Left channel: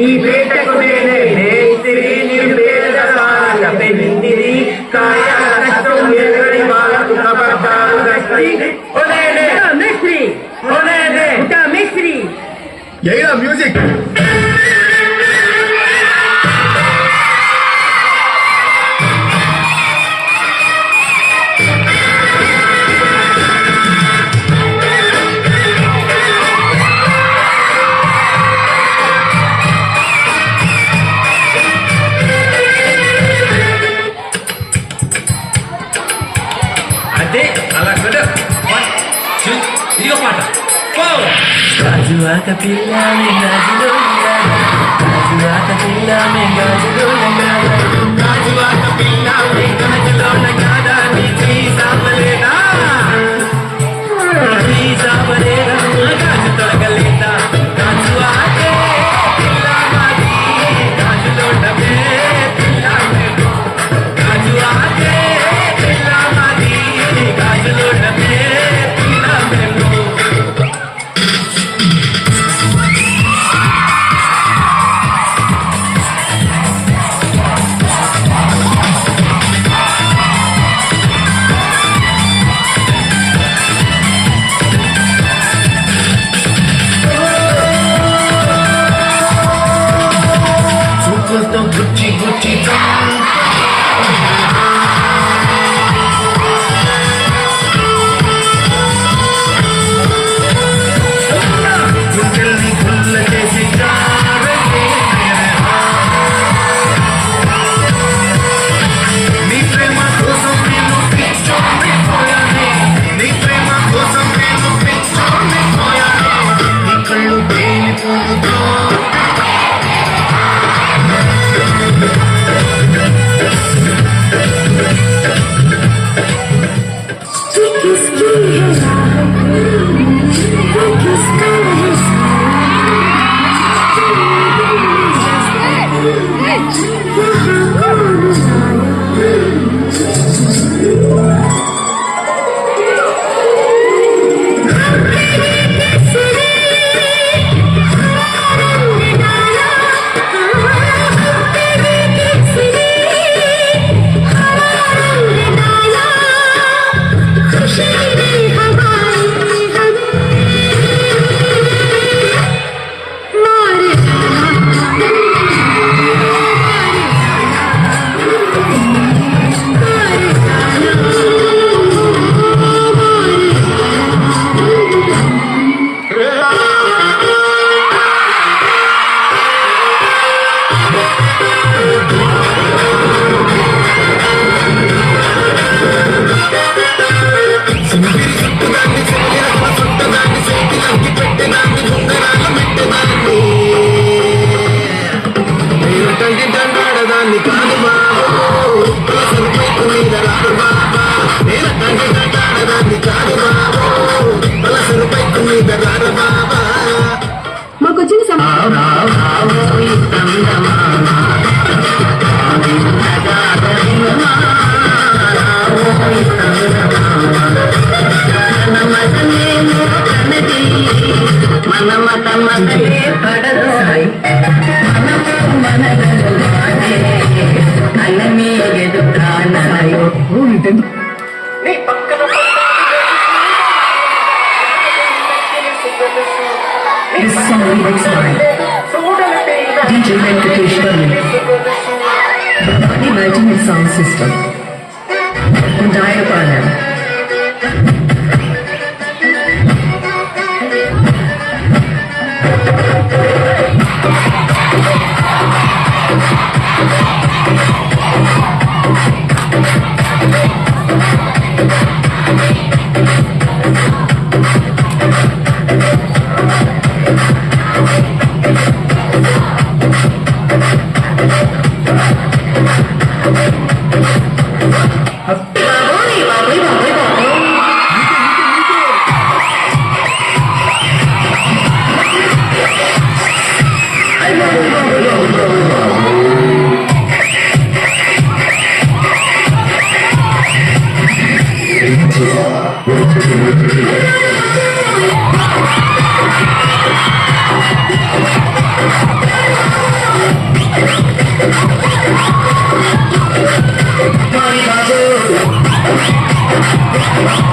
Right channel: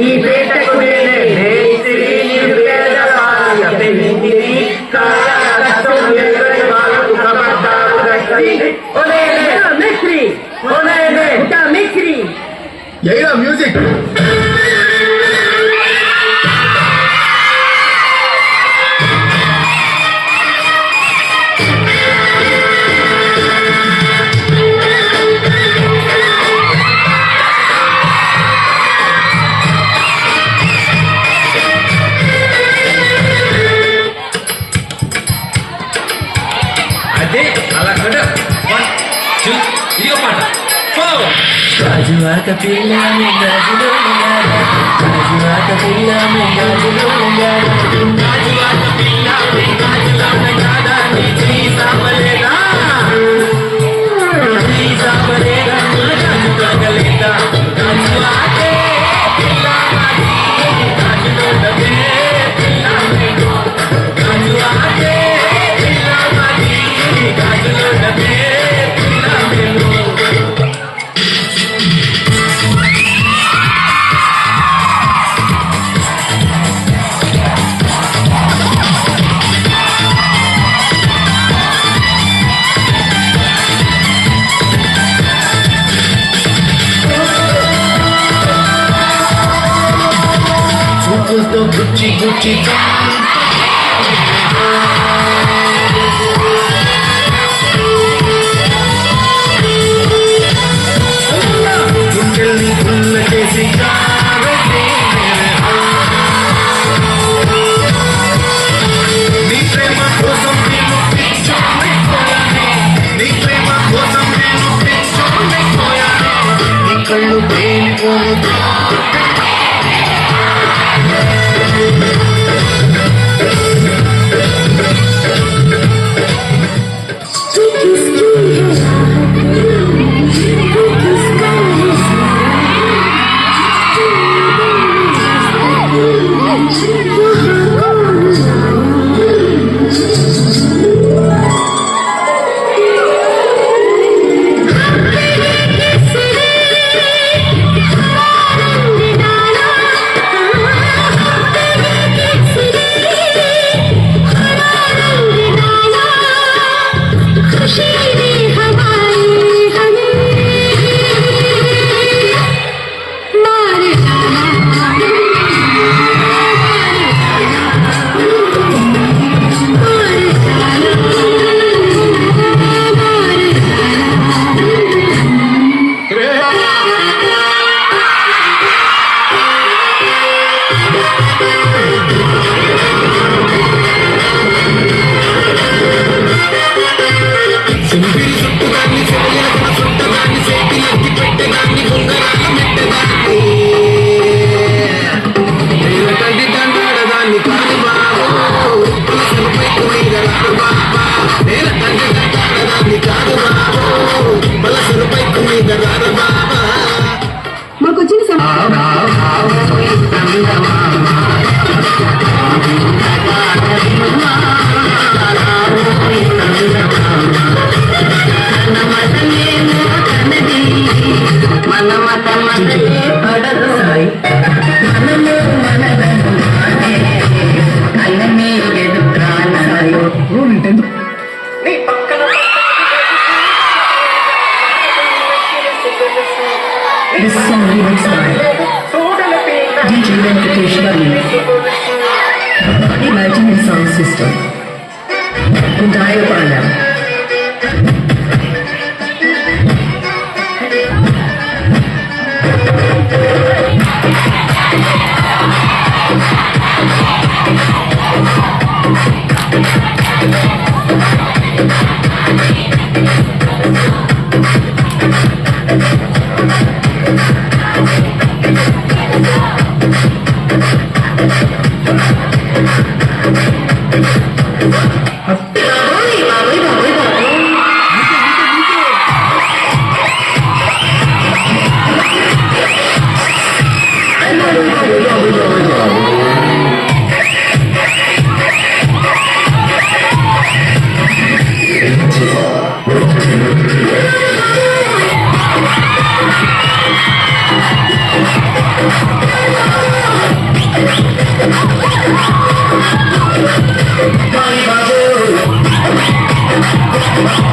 ఈ వేటకు నేనే మేస్త్రి నిర్వేద సాధన పెళ్ళిందిని కాయ కష్టం ఎదురని వాళ్ళకు కబడ్డారు గస్త్రి ఓనేనే మేస్త్రి ఓనేనే మేస్త్రి ఎయిరా మ్యూజిక్ అదే అలా కూడా 1 2 ఇదిగో పాట గాజువాక పిల్ల గాజులో గాజువాక పిల్ల గాజులో గాజువాక పిల్ల గాజులో నీ సాపలేదా నీ సాపలేదా గాజు తొలగలేదా గాజువాకే పిల్ల గాజులో గాజువాకే Gucci, Gucci, This song lyrics by DJ Venkatesh Varma, Body Multimedia Sound System, and Diapana. Johnny Babu.